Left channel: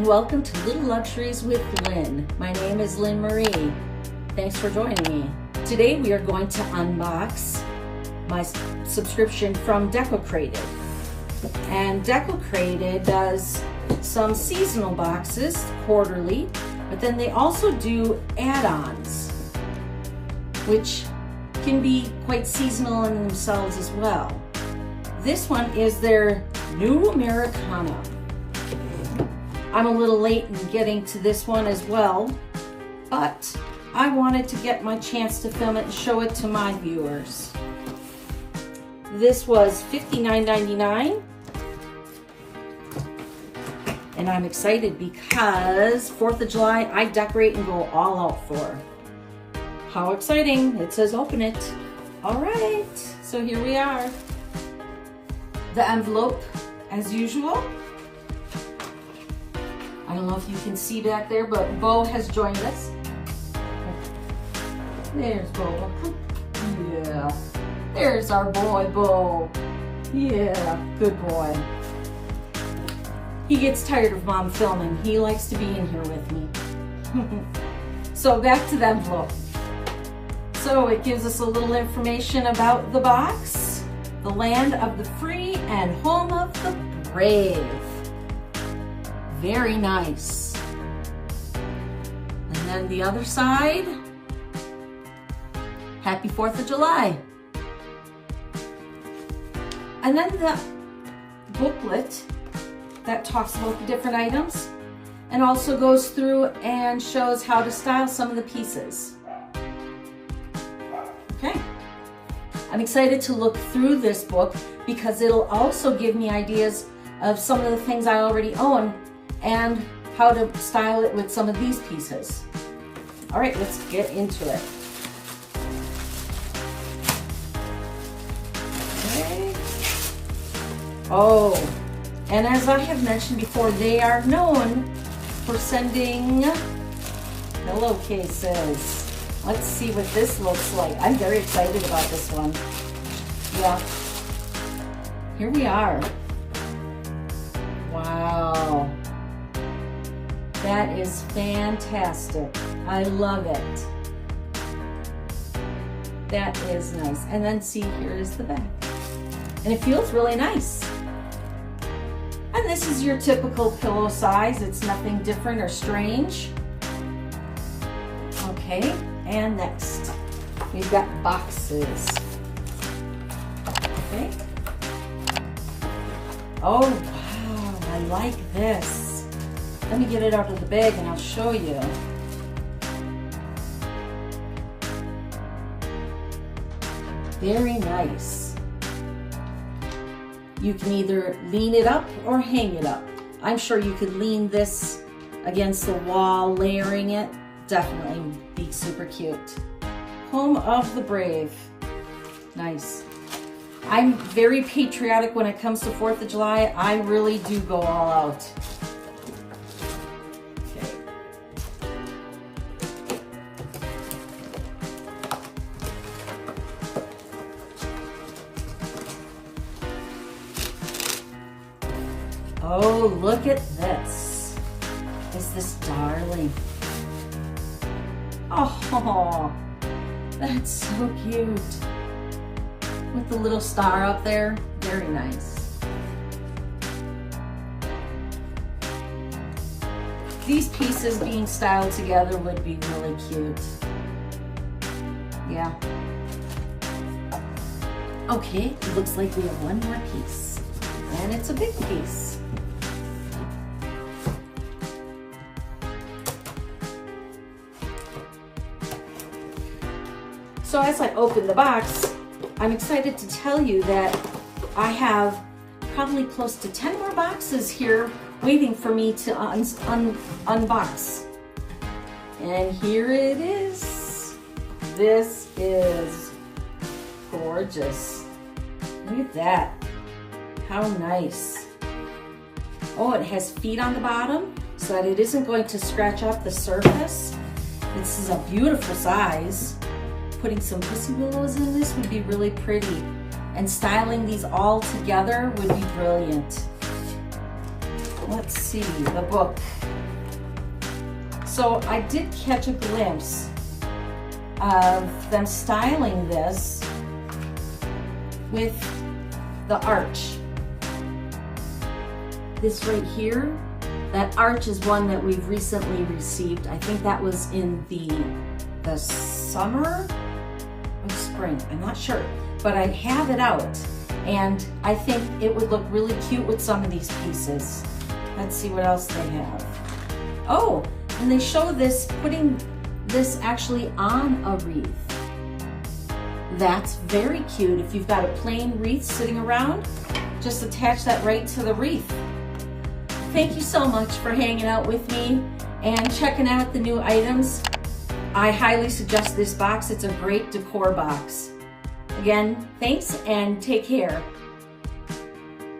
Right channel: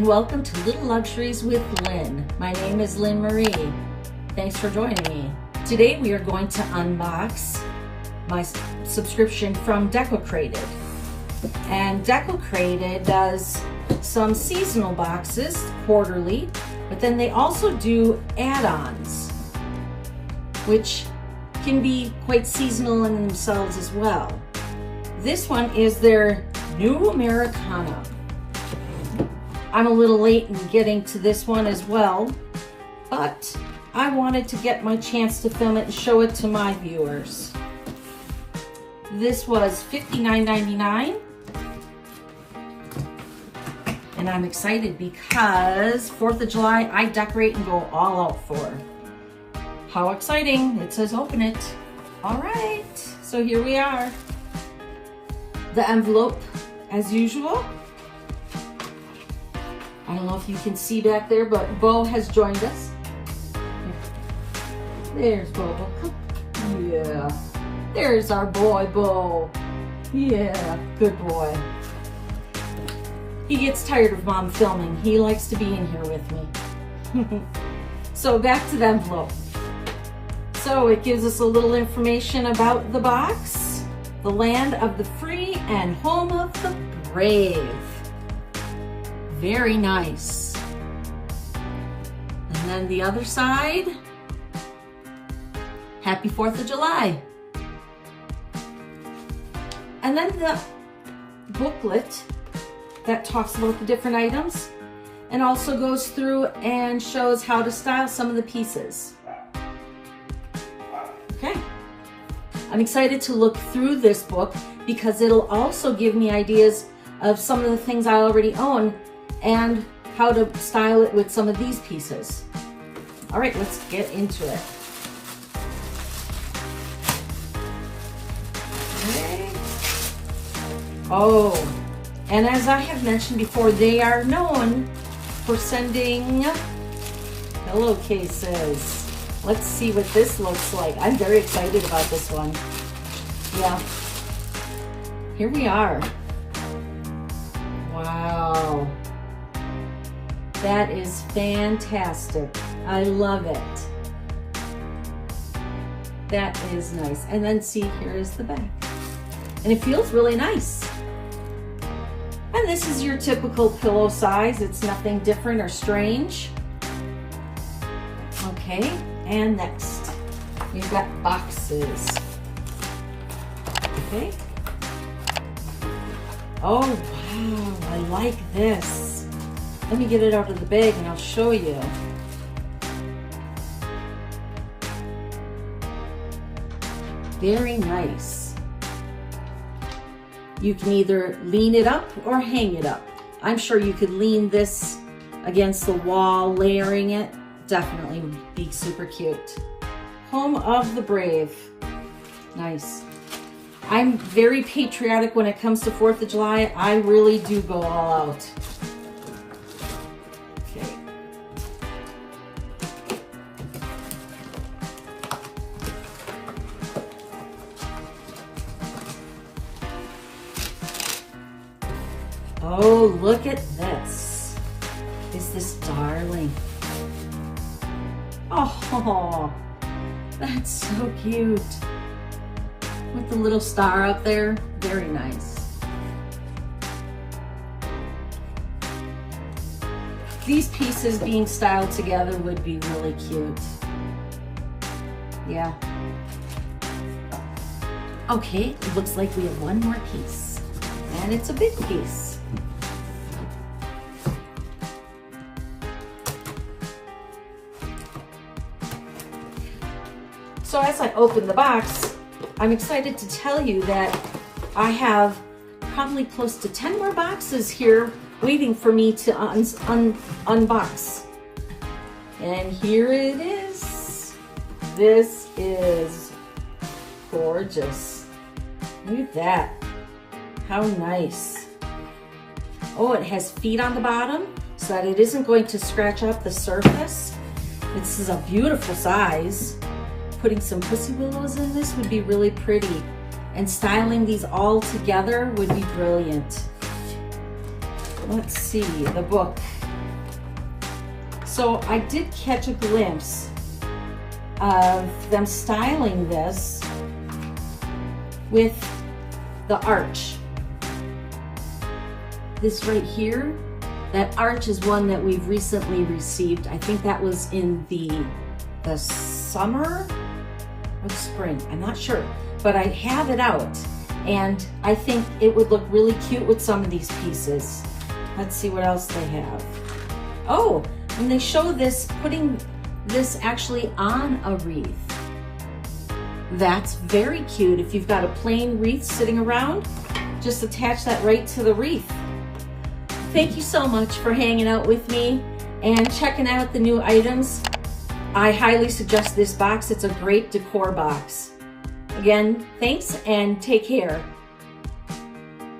and welcome to Little Luxuries with Lynn. My name is Lynn Marie. Thanks for joining me. Today we are going to unbox my subscription from Decocrated. And Decocrated does some seasonal boxes quarterly, but then they also do add-ons, which can be quite seasonal in themselves as well. This one is their new Americana. I'm a little late in getting to this one as well, but I wanted to get my chance to film it and show it to my viewers. This was $59.99, and I'm excited because 4th of July, I decorate and go all out for. How exciting. It says open it. All right, so here we are. The envelope, as usual. I don't know if you can see back there, but Bo has joined us. There's Bo. Yeah. There's our boy, Bo. Yeah, good boy. He gets tired of mom filming. He likes to be in here with me. So back to the envelope. So it gives us a little information about the box, the land of the free and home of the brave. Very nice. And then the other side, happy 4th of July. And then the booklet that talks about the different items and also goes through and shows how to style some of the pieces. Okay. I'm excited to look through this book because it'll also give me ideas of some of the things I already own and how to style it with some of these pieces. All right, let's get into it. Okay. Oh, and as I have mentioned before, they are known for sending pillowcases. Let's see what this looks like. I'm very excited about this one. Yeah. Here we are. Wow. That is fantastic. I love it. That is nice. And then see, here is the back. And it feels really nice. And this is your typical pillow size. It's nothing different or strange. Okay, and next, we've got boxes. Okay. Oh, wow, I like this. Let me get it out of the bag and I'll show you. Very nice. You can either lean it up or hang it up. I'm sure you could lean this against the wall, layering it. Definitely be super cute. Home of the brave. Nice. I'm very patriotic when it comes to 4th of July. I really do go all out. Okay. Oh, look at this. Is this darling? Oh, that's so cute. With the little star up there, very nice. These pieces being styled together would be really cute. Yeah. Okay, it looks like we have one more piece, and it's a big piece. So as I open the box, I'm excited to tell you that I have probably close to 10 more boxes here waiting for me to unbox. And here it is. This is gorgeous. Look at that. How nice. Oh, it has feet on the bottom so that it isn't going to scratch up the surface. This is a beautiful size. Putting some pussy willows in this would be really pretty. And styling these all together would be brilliant. Let's see, the book. So I did catch a glimpse of them styling this with the arch. This right here, that arch is one that we've recently received. I think that was in the summer or the spring, I'm not sure, but I have it out and I think it would look really cute with some of these pieces. Let's see what else they have. Oh, and they show this, putting this actually on a wreath. That's very cute. If you've got a plain wreath sitting around, just attach that right to the wreath. Thank you so much for hanging out with me and checking out the new items. I highly suggest this box. It's a great decor box. Again, thanks and take care.